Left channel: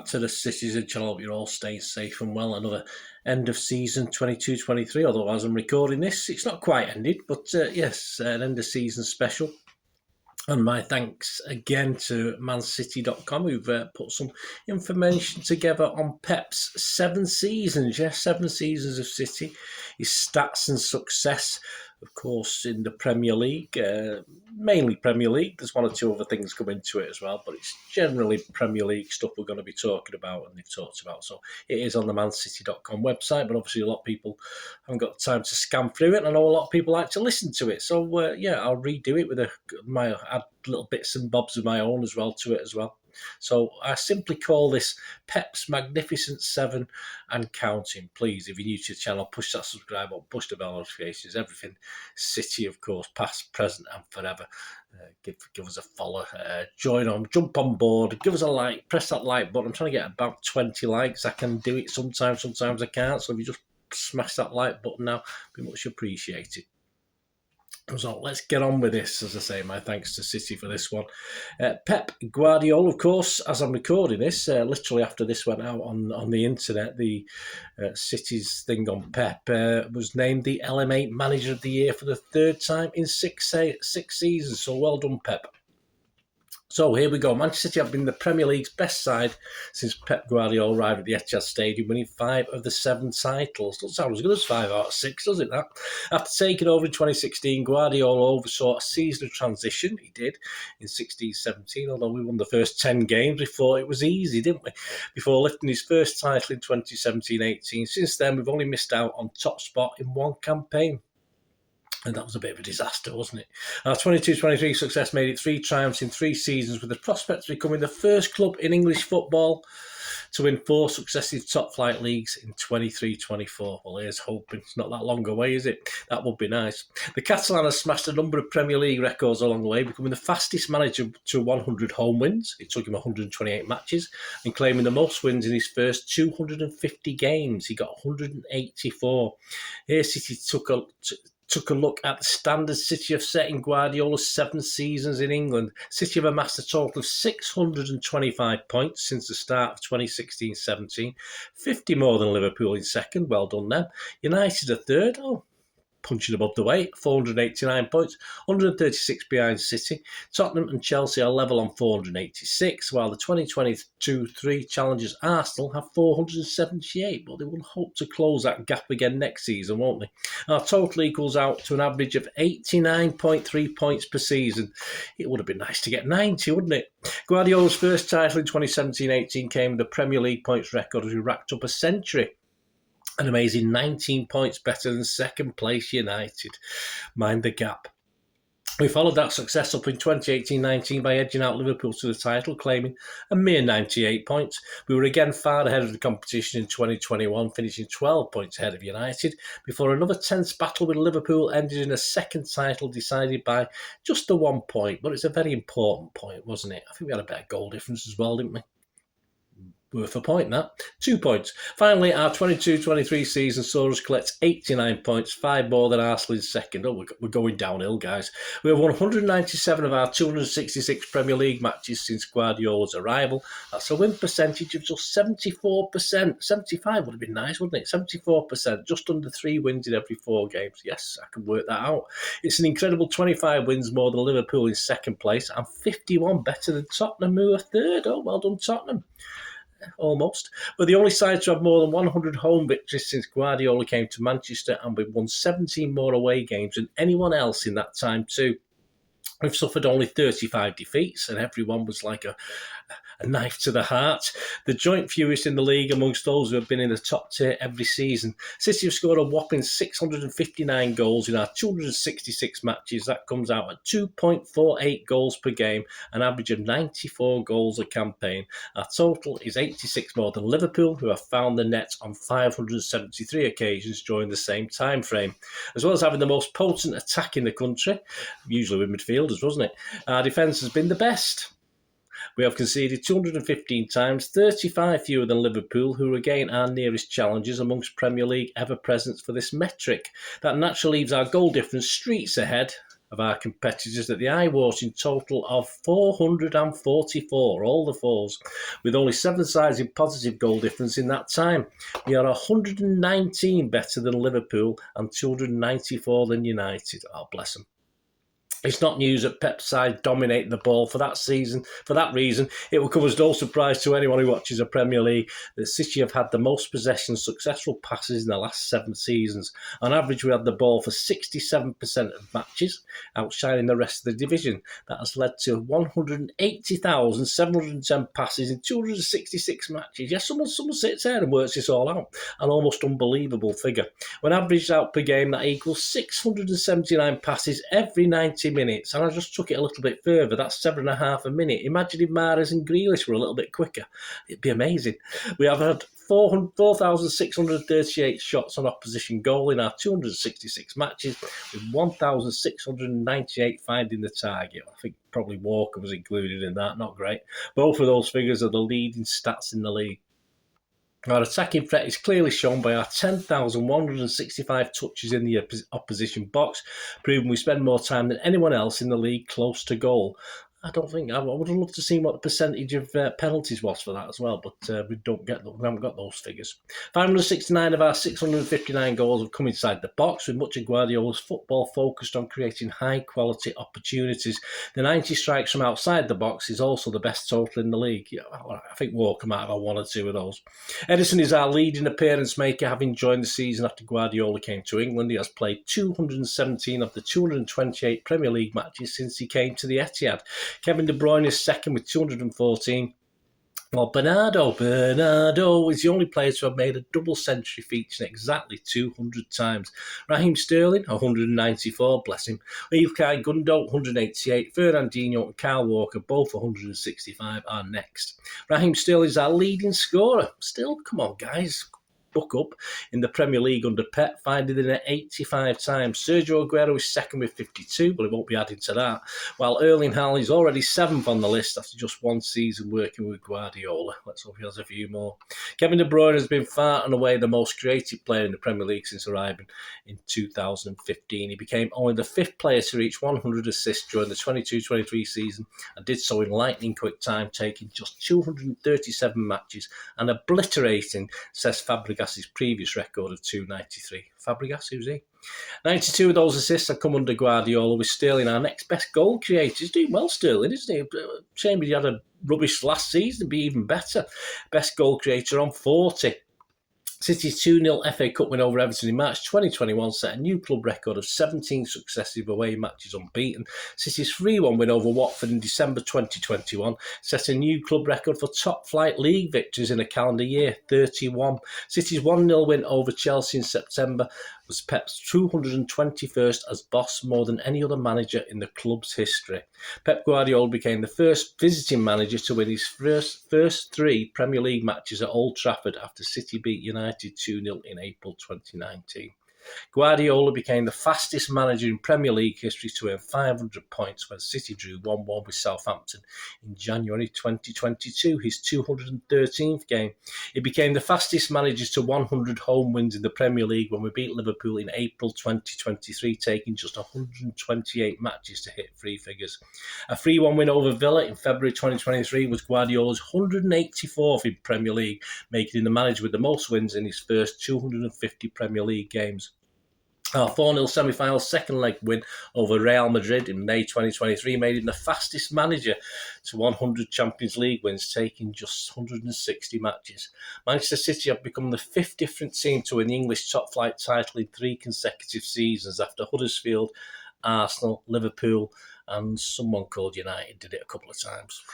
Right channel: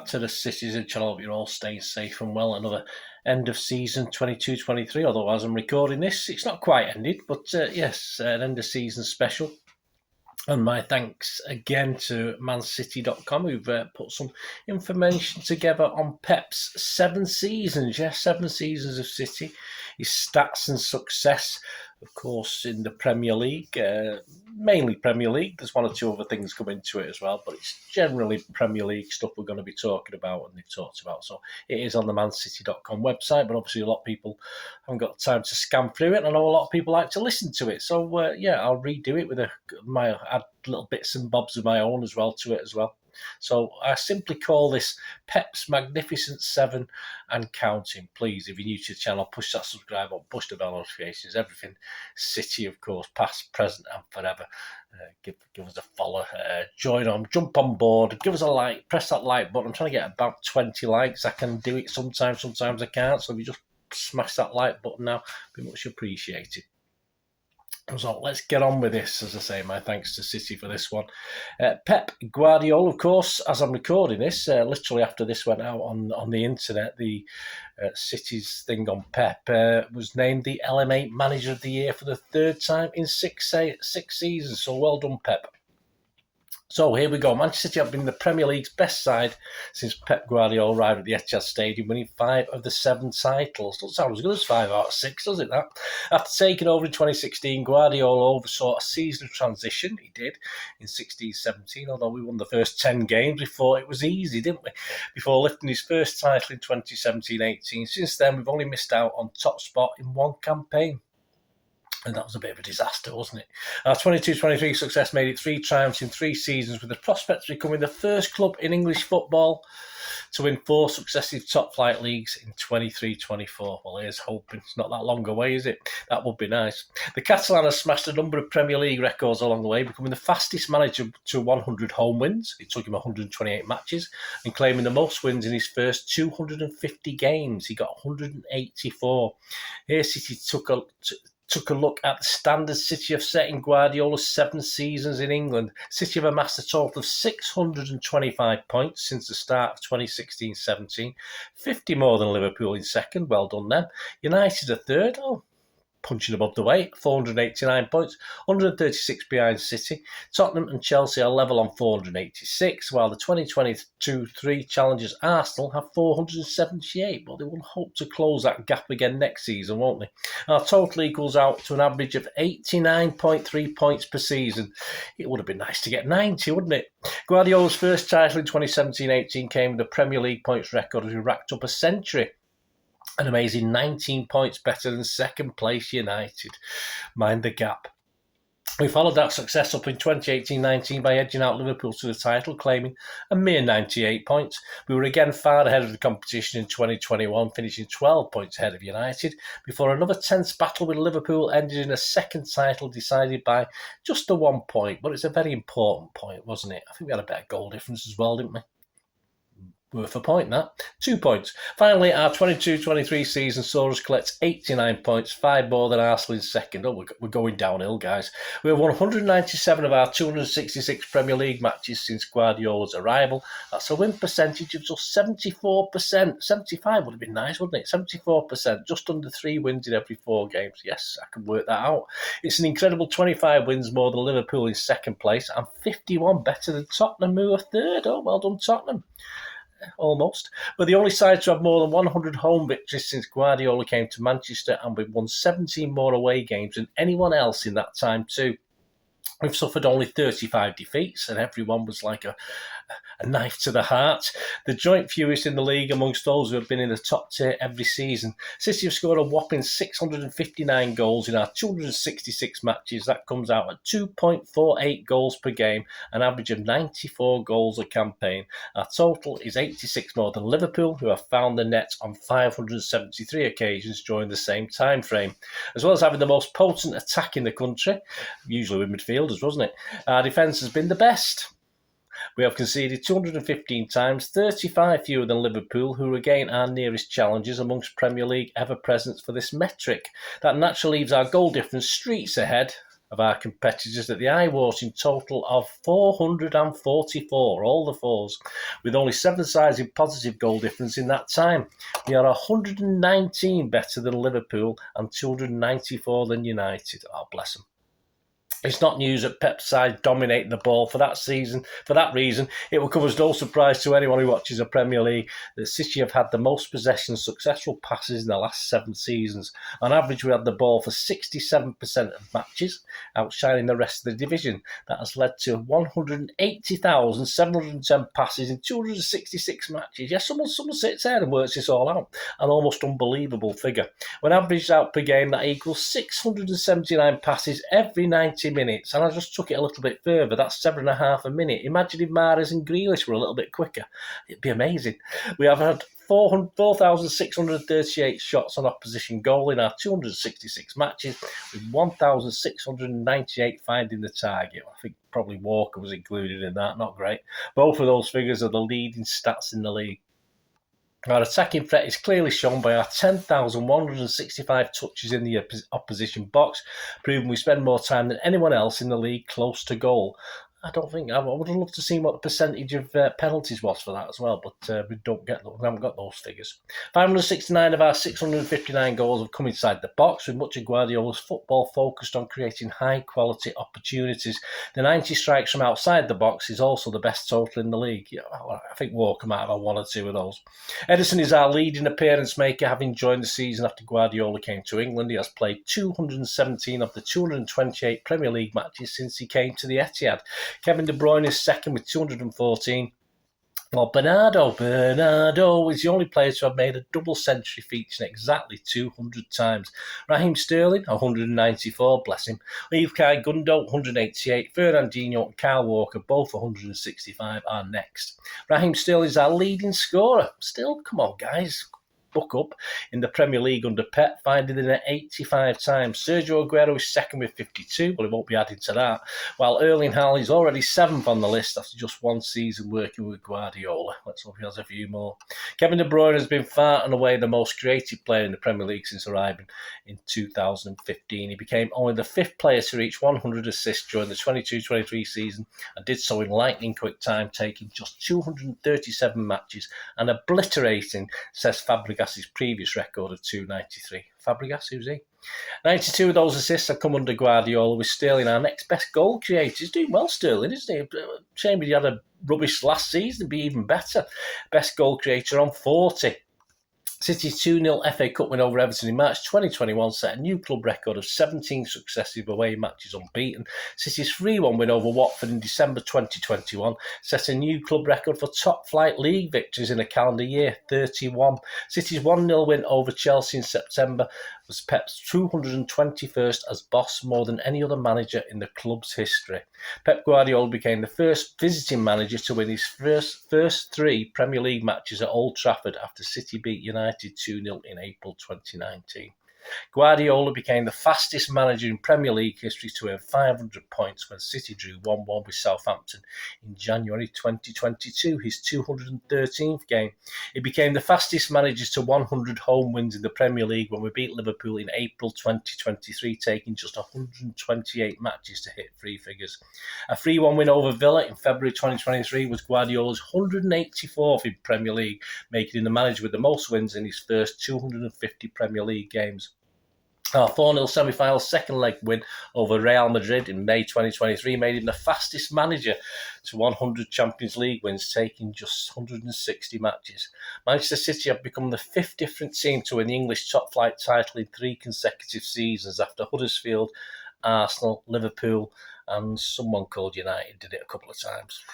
back to the Citizen channel. Hope you're all staying safe and well. Another end of season 22-23. Although as I'm recording this, it's not quite ended, but yes, an end of season special. And my thanks again to mancity.com, who've put some information together on Peps' 7 seasons. Yes, 7 seasons of City, his stats and success, of course, in the Premier League, mainly Premier League. There's one or two other things come into it as well, but it's generally Premier League stuff we're going to be talking about and they've talked about. So it is on the mancity.com website, but obviously a lot of people haven't got the time to scan through it. I know a lot of people like to listen to it. So, yeah, I'll redo it with add little bits and bobs of my own as well to it as well. So I simply call this Peps Magnificent 7 and counting. Please, if you're new to the channel, push that subscribe button, push the bell notifications, everything City, of course, past, present and forever. Give us a follow, jump on board, give us a like, press that like button. I'm trying to get about 20 likes. I can do it sometimes I can't. So if you just smash that like button now, be much appreciated. So let's get on with this. As I say, my thanks to City for this one. Pep Guardiola, of course, as I'm recording this, literally after this went out on the internet, the City's thing on Pep was named the LM8 Manager of the Year for the 3rd time in 6 seasons. So well done, Pep. So here we go. Manchester City have been the Premier League's best side since Pep Guardiola arrived at the Etihad Stadium, winning 5 of the 7 titles. Doesn't sound as good as 5 out of 6, does it, that? After taking over in 2016, Guardiola oversaw a season of transition. He did in 16-17, although we won the first 10 games. We thought it was easy, didn't we? Before lifting his first title in 2017-18. Since then, we've only missed out on top spot in 1 campaign. And that was a bit of a disaster, wasn't it? Our 22-23 success made it 3 triumphs in 3 seasons, with the prospects of becoming the first club in English football to win 4 successive top-flight leagues in 23-24. Well, here's hoping. It's not that long away, is it? That would be nice. The Catalan has smashed a number of Premier League records along the way, becoming the fastest manager to 100 home wins. It took him 128 matches, and claiming the most wins in his first 250 games. He got 184. Here, City took a look at the standards City have set in Guardiola's 7 seasons in England. City have amassed a total of 625 points since the start of 2016-17, 50 more than Liverpool in 2nd, well done them. United are 3rd, punching above the weight, 489 points, 136 behind City. Tottenham and Chelsea are level on 486, while the 2022-3 challengers Arsenal have 478, but they will hope to close that gap again next season, won't they? Our total equals out to an average of 89.3 points per season. It would have been nice to get 90, wouldn't it? Guardiola's first title in 2017-18 came with the Premier League points record as we racked up a century. An amazing 19 points better than 2nd place United. Mind the gap. We followed that success up in 2018-19 by edging out Liverpool to the title, claiming a mere 98 points. We were again far ahead of the competition in 2021, finishing 12 points ahead of United, before another tense battle with Liverpool ended in a 2nd title decided by just the 1 point. But it's a very important point, wasn't it? I think we had a better goal difference as well, didn't we? Worth a point, that. 2 points. Finally, our 22-23 season saw us collect 89 points, 5 more than Arsenal in 2nd. Oh, we're going downhill, guys. We have won 197 of our 266 Premier League matches since Guardiola's arrival. That's a win percentage of just 74%. 75 would have been nice, wouldn't it? 74%, just under 3 wins in every 4 games. Yes, I can work that out. It's an incredible 25 wins more than Liverpool in 2nd place and 51 better than Tottenham, who are 3rd. Oh, well done, Tottenham. Almost. We're the only side to have more than 100 home victories since Guardiola came to Manchester, and we've won 17 more away games than anyone else in that time too. We've suffered only 35 defeats, and everyone was like a knife to the heart. The joint fewest in the league amongst those who have been in the top tier every season. City have scored a whopping 659 goals in our 266 matches. That comes out at 2.48 goals per game, an average of 94 goals a campaign. Our total is 86 more than Liverpool, who have found the net on 573 occasions during the same time frame. As well as having the most potent attack in the country, usually with midfielders, wasn't it? Our defence has been the best. We have conceded 215 times, 35 fewer than Liverpool, who are again our nearest challengers amongst Premier League ever-presents for this metric. That naturally leaves our goal difference streets ahead of our competitors at the eye-watering total of 444, all the fours, with only 7 sides in positive goal difference in that time. We are 119 better than Liverpool and 294 than United. Oh, bless them. It's not news that Peps' side dominate the ball for that season. For that reason, it will come as no surprise to anyone who watches the Premier League that City have had the most possession successful passes in the last 7 seasons. On average, we had the ball for 67% of matches, outshining the rest of the division. That has led to 180,710 passes in 266 matches. Yes, someone sits there and works this all out. An almost unbelievable figure. When averaged out per game, that equals 679 passes every 90 minutes, and I just took it a little bit further. That's 7.5 a minute. Imagine if Mahrez and Grealish were a little bit quicker. It'd be amazing. We have had 4,638 shots on opposition goal in our 266 matches, with 1,698 finding the target. I think probably Walker was included in that. Not great. Both of those figures are the leading stats in the league. Our attacking threat is clearly shown by our 10,165 touches in the opposition box, proving we spend more time than anyone else in the league close to goal. I would have loved to see what the percentage of penalties was for that as well, but we haven't got those figures. 569 of our 659 goals have come inside the box, with much of Guardiola's football focused on creating high-quality opportunities. The 90 strikes from outside the box is also the best total in the league. Yeah, I think Walker might have 1 or 2 of those. Edison is our leading appearance maker, having joined the season after Guardiola came to England. He has played 217 of the 228 Premier League matches since he came to the Etihad. Kevin De Bruyne is second with 214. Well, Bernardo is the only player to have made a double century featuring exactly 200 times. Raheem Sterling, 194, bless him. Ilkay Gundogan, 188. Fernandinho and Kyle Walker, both 165, are next. Raheem Sterling is our leading scorer. Still, come on, guys. Buck up in the Premier League under Pep, finding in at 85 times. Sergio Aguero is second with 52, but he won't be adding to that, while Erling Haaland is already 7th on the list after just 1 season working with Guardiola. Let's hope he has a few more. Kevin De Bruyne has been far and away the most creative player in the Premier League since arriving in 2015. He became only the 5th player to reach 100 assists during the 22-23 season and did so in lightning quick time, taking just 237 matches and obliterating Cesc Fabregas' previous record of 293. Fabregas, who's he? 92 of those assists have come under Guardiola, with Sterling our next best goal creator. He's doing well, Sterling, isn't he? Shame he had a rubbish last season, be even better. Best goal creator on 40. City's 2-0 FA Cup win over Everton in March 2021 set a new club record of 17 successive away matches unbeaten. City's 3-1 win over Watford in December 2021 set a new club record for top-flight league victories in a calendar year, 31. City's 1-0 win over Chelsea in September was Pep's 221st as boss, more than any other manager in the club's history. Pep Guardiola became the first visiting manager to win his first 3 Premier League matches at Old Trafford after City beat United 2-0 in April 2019. Guardiola became the fastest manager in Premier League history to earn 500 points when City drew 1-1 with Southampton in January 2022, his 213th game. He became the fastest manager to 100 home wins in the Premier League when we beat Liverpool in April 2023, taking just 128 matches to hit 3 figures. A 3-1 win over Villa in February 2023 was Guardiola's 184th in Premier League, making him the manager with the most wins in his first 250 Premier League games. Our 4-0 semi-final second leg win over Real Madrid in May 2023 made him the fastest manager to 100 Champions League wins, taking just 160 matches. Manchester City have become the 5th different team to win the English top-flight title in 3 consecutive seasons after Huddersfield, Arsenal, Liverpool, and someone called United did it a couple of times.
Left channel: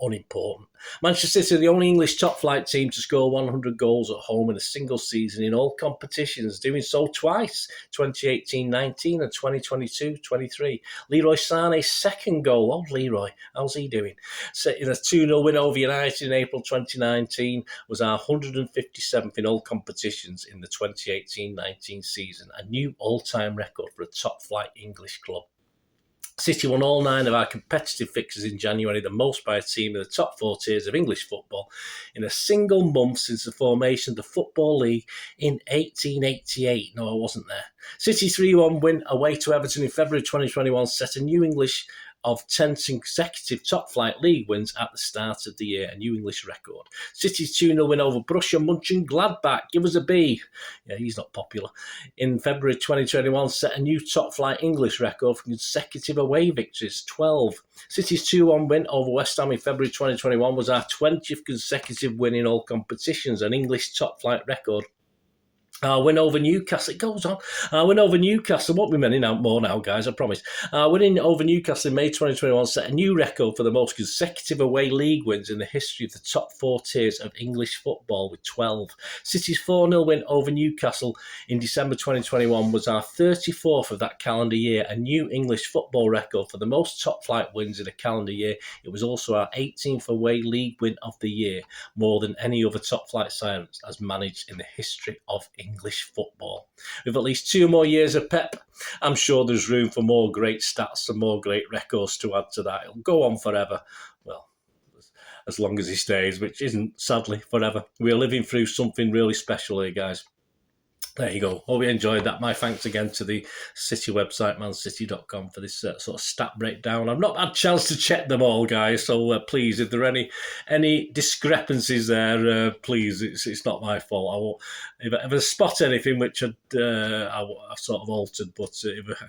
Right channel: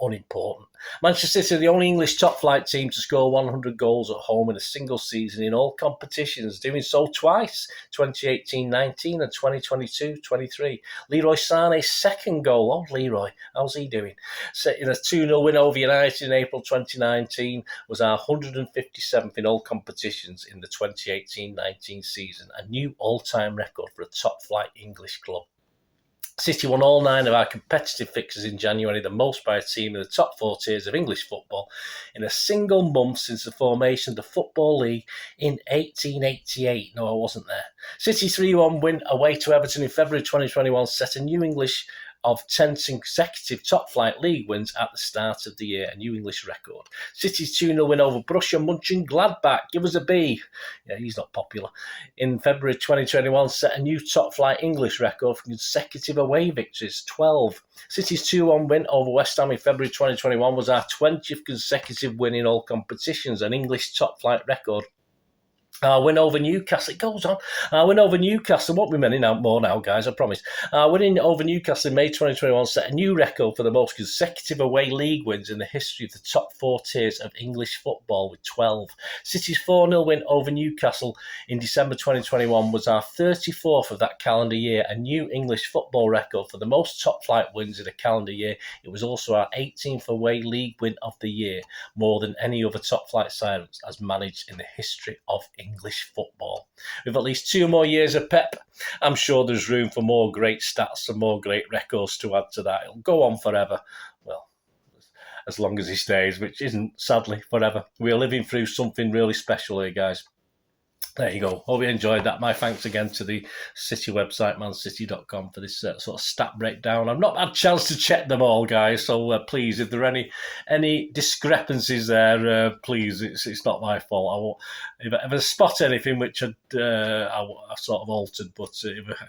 Unimportant. Manchester City are the only English top-flight team to score 100 goals at home in a single season in all competitions, doing so twice, 2018-19 and 2022-23. Leroy Sané's second goal, Leroy, how's he doing? In a 2-0 win over United in April 2019 was our 157th in all competitions in the 2018-19 season, a new all-time record for a top-flight English club. City won all 9 of our competitive fixtures in January, the most by a team in the top 4 tiers of English football in a single month since the formation of the Football League in 1888. No, I wasn't there. City's 3-1 win away to Everton in February 2021 set a new English of 10 consecutive top-flight league wins at the start of the year, a new English record. City's 2-0 win over Borussia Mönchengladbach, give us a B. Yeah, he's not popular. In February 2021 set a new top-flight English record for consecutive away victories, 12. City's 2-1 win over West Ham in February 2021 was our 20th consecutive win in all competitions, an English top-flight record. Our win over Newcastle, it goes on. Our win over Newcastle, won't be many more now, guys, I promise. Our winning over Newcastle in May 2021 set a new record for the most consecutive away league wins in the history of the top 4 tiers of English football with 12. City's 4-0 win over Newcastle in December 2021 was our 34th of that calendar year, a new English football record for the most top-flight wins in a calendar year. It was also our 18th away league win of the year, more than any other top-flight side has managed in the history of English football. With at least 2 more years of Pep, I'm sure there's room for more great stats and more great records to add to that. It'll go on forever. Well, as long as he stays, which isn't, sadly, forever. We're living through something really special here, guys. There you go. Hope you enjoyed that. My thanks again to the City website, mancity.com, for this sort of stat breakdown. I've not had a chance to check them all, guys, so please, if there are any discrepancies there, please, it's not my fault. I won't, if I spot anything which I've sort of altered, but if I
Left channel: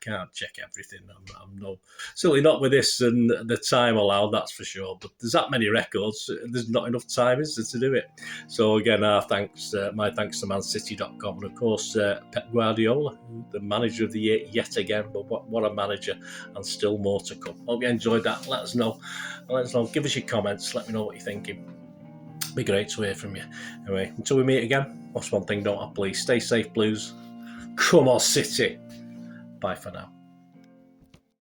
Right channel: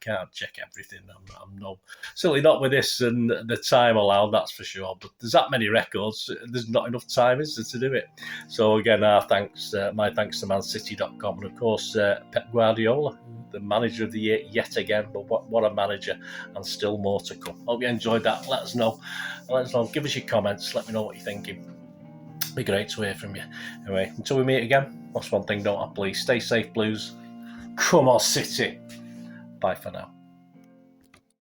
can't check everything. I'm no, certainly not with this and the time allowed, that's for sure. But there's that many records, there's not enough time, is there, to do it? So again, my thanks to mancity.com. And of course, Pep Guardiola, the manager of the year yet again. But what a manager, and still more to come. Hope you enjoyed that. Let us know. Give us your comments. Let me know what you're thinking. It'd be great to hear from you. Anyway, until we meet again, what's one thing don't I please? Stay safe, Blues. Come on, City. Bye for now.